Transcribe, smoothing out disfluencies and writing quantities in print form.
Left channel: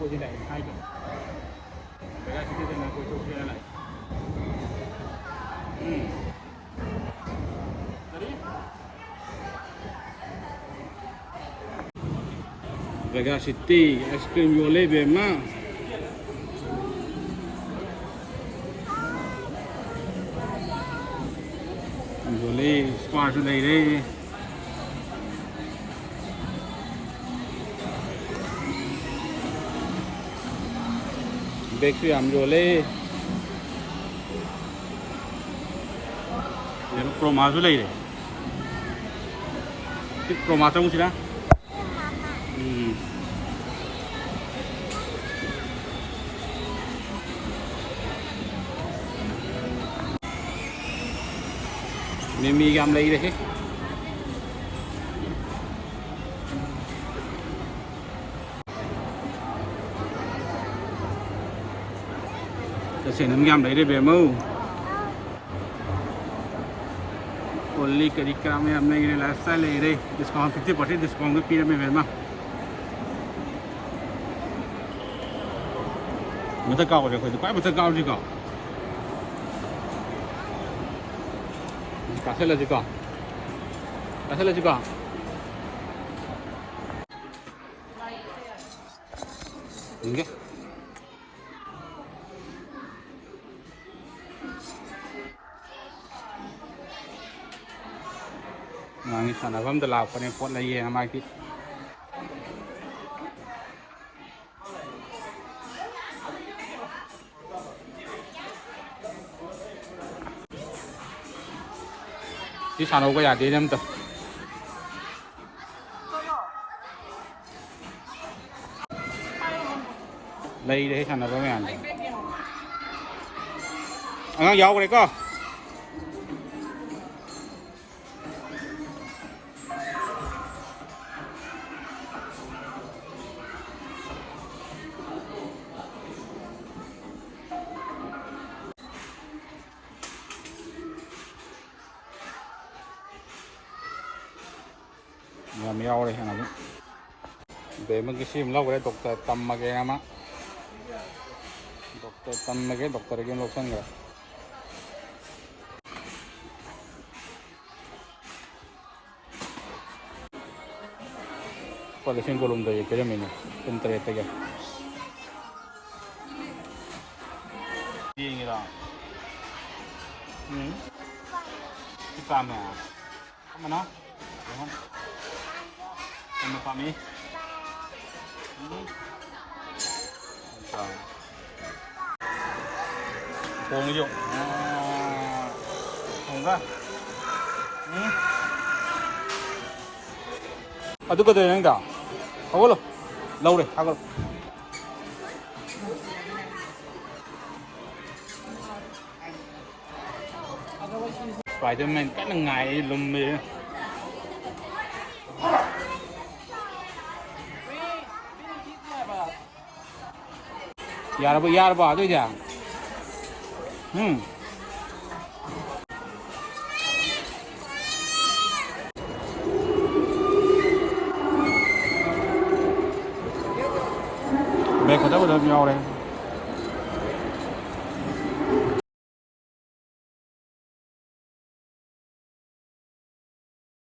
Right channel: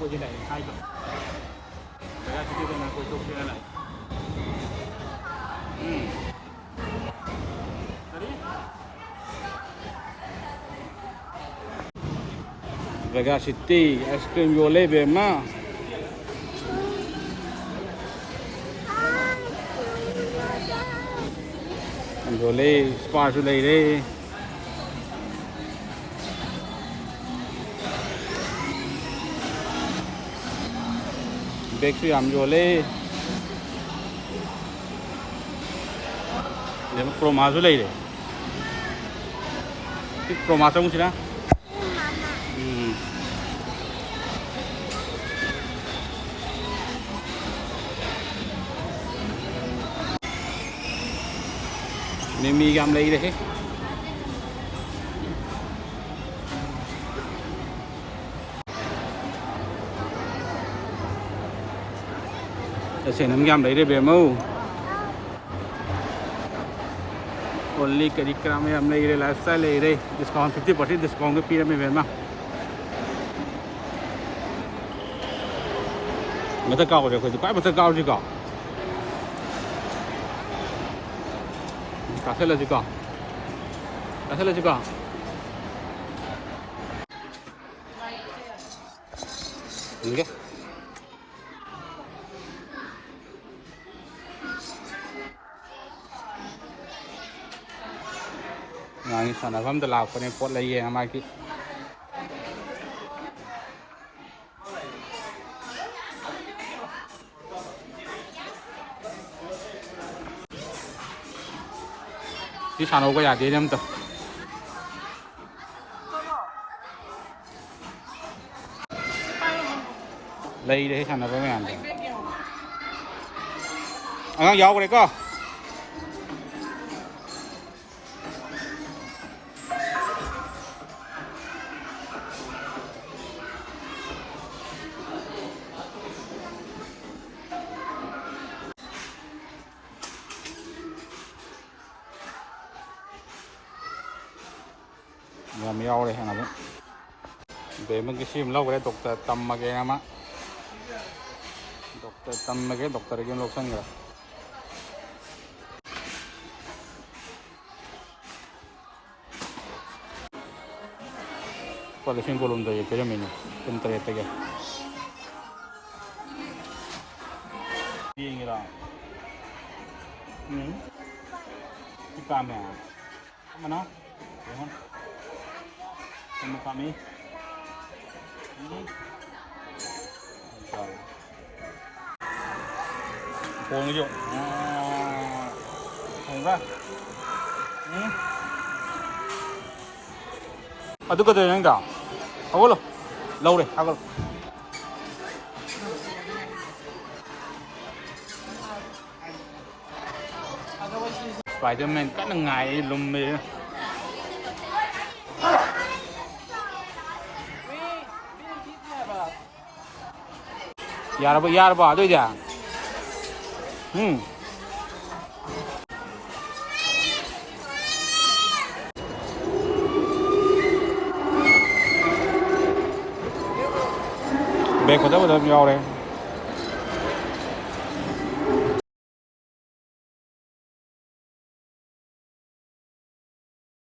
cô gì này 2 chục. Cái này thì mình cô chục như này. Vega City ice cream violet về mà. Violet spa cho đây đây. Bakery am violet. Đây là promo cho đây đây. Cái promo trong gì đó? Mimi gam lấy đấy. Cho xem nấm gam lấy đấy về mâu. Only cái cam em lấy đây lifestyle lấy đây. Discount 50% discount cái pira về mà. Mà ta cao rồi, quái mà ta cao gì cả. Kasih juga. Kasih juga. Ini. Nah, ini sana kami telah punya pot lagi yang lagi. Di sana có gì nhầm tao đây đấy sana có mấy anh ăn dầu cái này có nhà mèo đây nào về mấy cái sim lâu cái doctor tâm mà cái mà doctor tâm mà cái doctor cái lúc sang rồi kalau sim belum tuh ya mình bentar ya tiga ini lah kita mana mana Kamu kami, tahu ni jo, enggak, Aduh kata yang dah, awal, lau deh, awal. Spiderman kan ngai lum me. यार बात हो जा bag होता है यार